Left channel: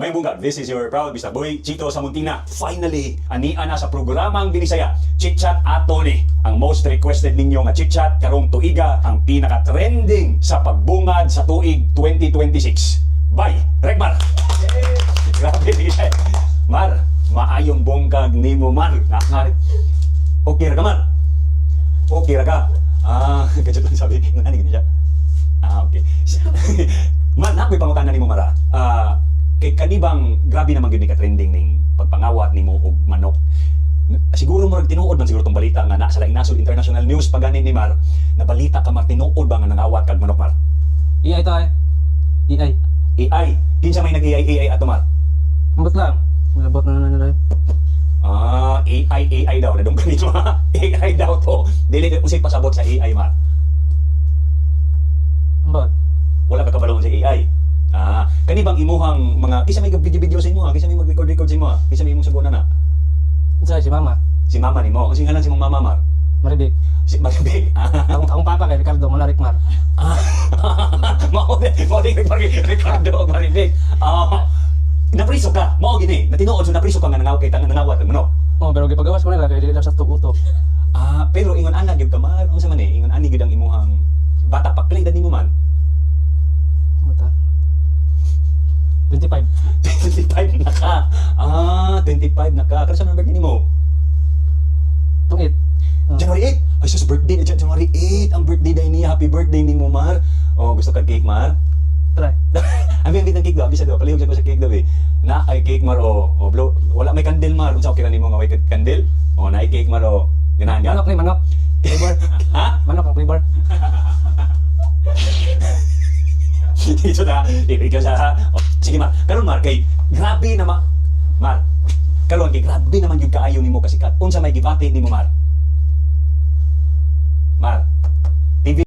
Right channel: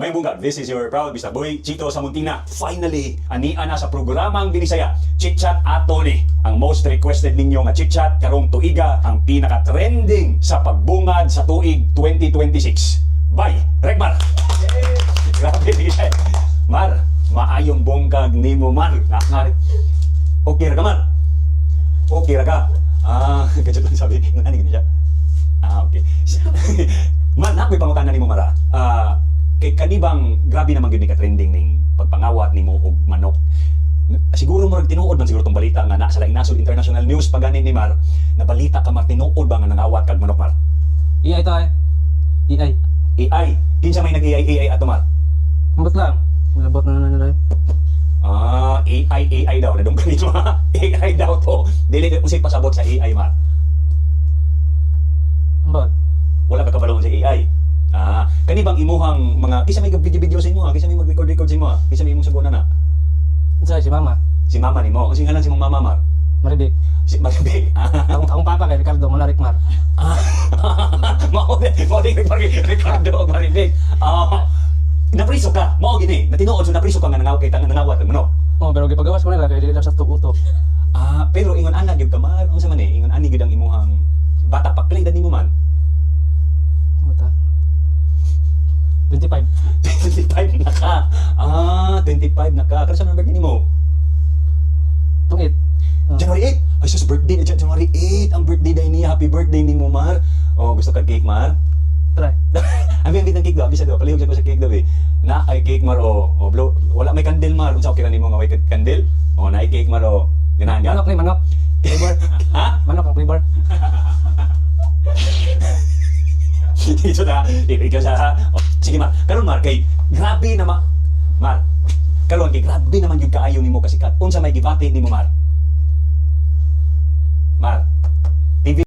May bunga, this is your proud Mr. Boy, Chito Samuntina. Finally, ania na sa programang Binisaya, Chit Chat ato ni. Ang most requested ninyo nga Chit Chat karong tuiga, ang pinaka-trending sa pagbungad sa tuig 2026. Bye, Rekmar! Grabe, Binisaya. Mar, maayong bongkag ni mo, Mar. Okay ra ka, Mar? Okay ra ka? Kadyo lang sabi, ano siya? Okay. Mar, nakoy pangutana ni mo, Mara. Kay kanibang grabe naman yun ka-trending ning pagpangawat ni mo og manok. Siguro mo tinuod man siguro tong balita nga nasa laing nasod international news pag ganin ni Mar, na balita ka Mar tinuod ba nga nangawat kag manok, Mar? AI to AI. AI. Kinsa may nag-AI ato, Mar? Ambot lang. Malabot na nila. AI daw na dong ganito ha. AI daw to. Dili usay pasabot sa AI, Mar. Ambot. Wala ka kabalong sa AI. Kanibang imuhang mga kisa may video sa imo, kisa may mag-record sa imo, kisa may imong sabunan na. Unsa si mama? Si mama nimo, kasi ngalan si mong mama, Mar. Maribik. Si Maribik. Ang papa kay Ricardo Malarik Mar. Mao din Ricardo Maribik. Napriso ka, mao gini. Natinuod so napriso ka nga nangawat mo, no? Oh, pero gipagawas ko nila kay dili sa tugutok. Pero ingon ana gyud ka, Mar. Unsa man ingon ani gyud ang imuhang bata pa pila edad nimo, man? Mata. 25. 25 na ka. 25 na ka. Kano sa birthday nimo? Tungit. January 8. Ay, sus, birthday. January 8. Ang birthday day niya. Happy birthday ni mo, Mar. Gusto ka cake, Mar? Try. Ang bibit ng cake daw. Bisa daw. Palihog ko sa cake daw eh. Na ay cake, Mar. Blow. Wala may candle, Mar. Kung sa okay na ni mo nga may candle. Na ay cake, Mar. Ganahan ka. Manok ni manok. Flavor. Ha? Manok ang flavor. Dito na. Ikaw sa... Sige, Mar. Karon, Mar, kay grabe naman. Mar, karon kay grabe naman yung kaayo nimo kasi unsa may gibati nimo, Mar?